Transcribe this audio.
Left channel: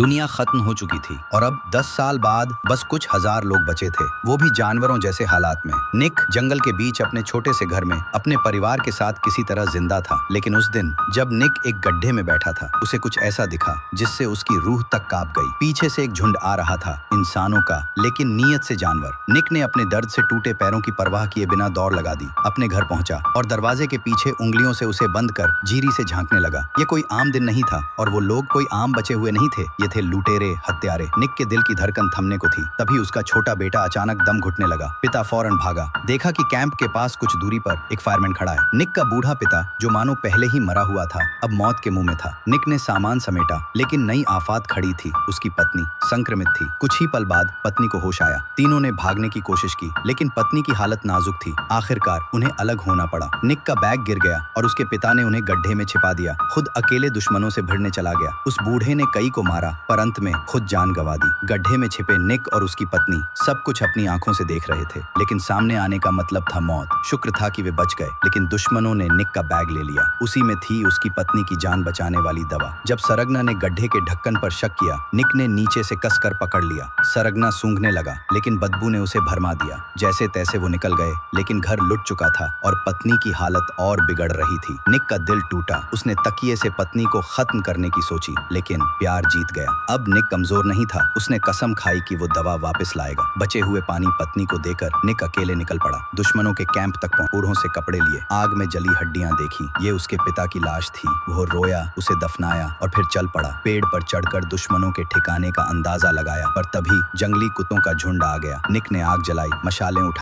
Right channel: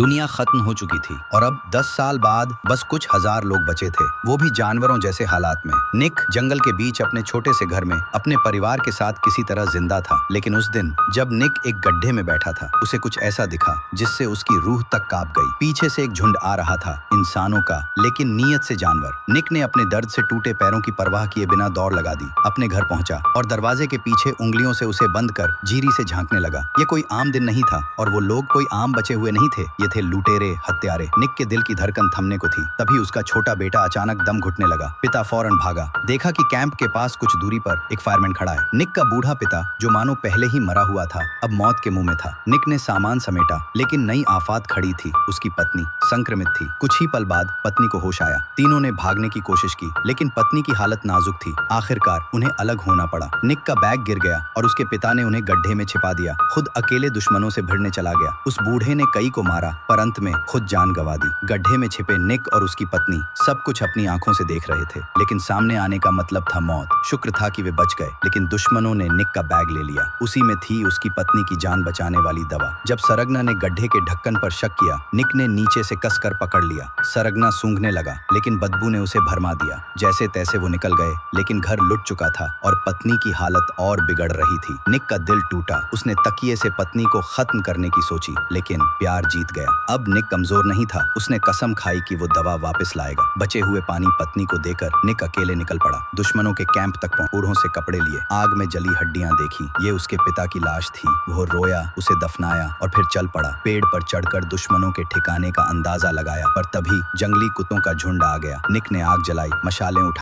दुनिया खत्म हो चुकी थी और अब 10 साल बाद बस कुछ हजार लोग बचे थे, वो भी जानवरों जैसे हालात में। निक जंगल के बीच अपने छोटे से घर में अपने परिवार के साथ किसी तरह जिंदा था। लेकिन उस दिन जब निक एक गड्ढे में बैठा था, उसे कुछ ऐसा दिखा जिससे उसकी रूह तक कांप गई। पीछे से एक झुंड आ रहा था, इंसानों का, लेकिन नीयत से जानवर। निक ने अपने दर्द से टूटे पैरों की परवाह किए बिना दौड़ लगा दी, अपने घर पहुंचा और दरवाजे के पीछे उंगलियों से उसे बंद कर जीरी से झांकने लगा। ये कोई आम दिन नहीं था और वो लोग कोई आम बचे हुए नहीं थे, ये थे लुटेरे, हत्यारे। निक के दिल की धड़कन थमने को थी, तभी उसका छोटा बेटा अचानक दम घुटने लगा। पिता फौरन भागा, देखा कि कैंप के पास कुछ दूरी पर एक फायरमैन खड़ा है। निक का बूढ़ा पिता, जो मानो पहले ही मरा हुआ था, अब मौत के मुंह में था। निक ने सामान समेटा, लेकिन नई आफत खड़ी थी। उसकी पत्नी संक्रमित थी। कुछ ही पल बाद पत्नी को होश आया। तीनों ने भागने की कोशिश की, लेकिन पत्नी की हालत नाजुक थी। आखिरकार उन्हें अलग होना पड़ा। निक का बैग गिर गया और उसके पिता ने उन्हें गड्ढे में छिपा दिया। खुद अकेले दुश्मनों से भिड़ने चला गया। उस बूढ़े ने कई को मारा, पर अंत में खुद जान गंवा दी। गड्ढे में छिपे निक और उसकी पत्नी सब कुछ अपनी आंखों से देख रहे थे, लेकिन सामने आने का मतलब था मौत। शुक्र था कि वे बच गए, लेकिन दुश्मनों ने निक का बैग ले लिया। उसी में थी उसकी पत्नी की जान बचाने वाली दवा। जब सरगना ने गड्ढे के ढक्कन पर शक किया, निक ने नीचे से कसकर पकड़ लिया। सरगना सूंघने लगा, लेकिन बदबू ने उसे भरमा दिया। जैसे तैसे वो निकल गए, लेकिन घर लुट चुका था और पत्नी की हालत और बिगड़ रही थी। निक का दिल टूटा। उसने तकिए से पत्नी को खत्म करने की सोची, लेकिन प्यार जीत गया। अब निक कमजोर नहीं था। उसने कसम खाई कि वो दवा वापस लाएगा। बचे हुए पानी पत्नी को देकर निक अकेले निकल पड़ा। दुश्मनों के कैंप तक बूढ़ों से कपड़े लिए, आग में जली हड्डियां देखी। ये उसके पिता की लाश थी। वो रोया, उसे दफनाया और फिर चल पड़ा। पेड़ पर चढ़कर दुश्मनों के ठिकाने का अंदाजा लगाया, पर तभी जंगली कुत्तों का झुंड आ गया। निक ने आग जलाई, मशालें उठा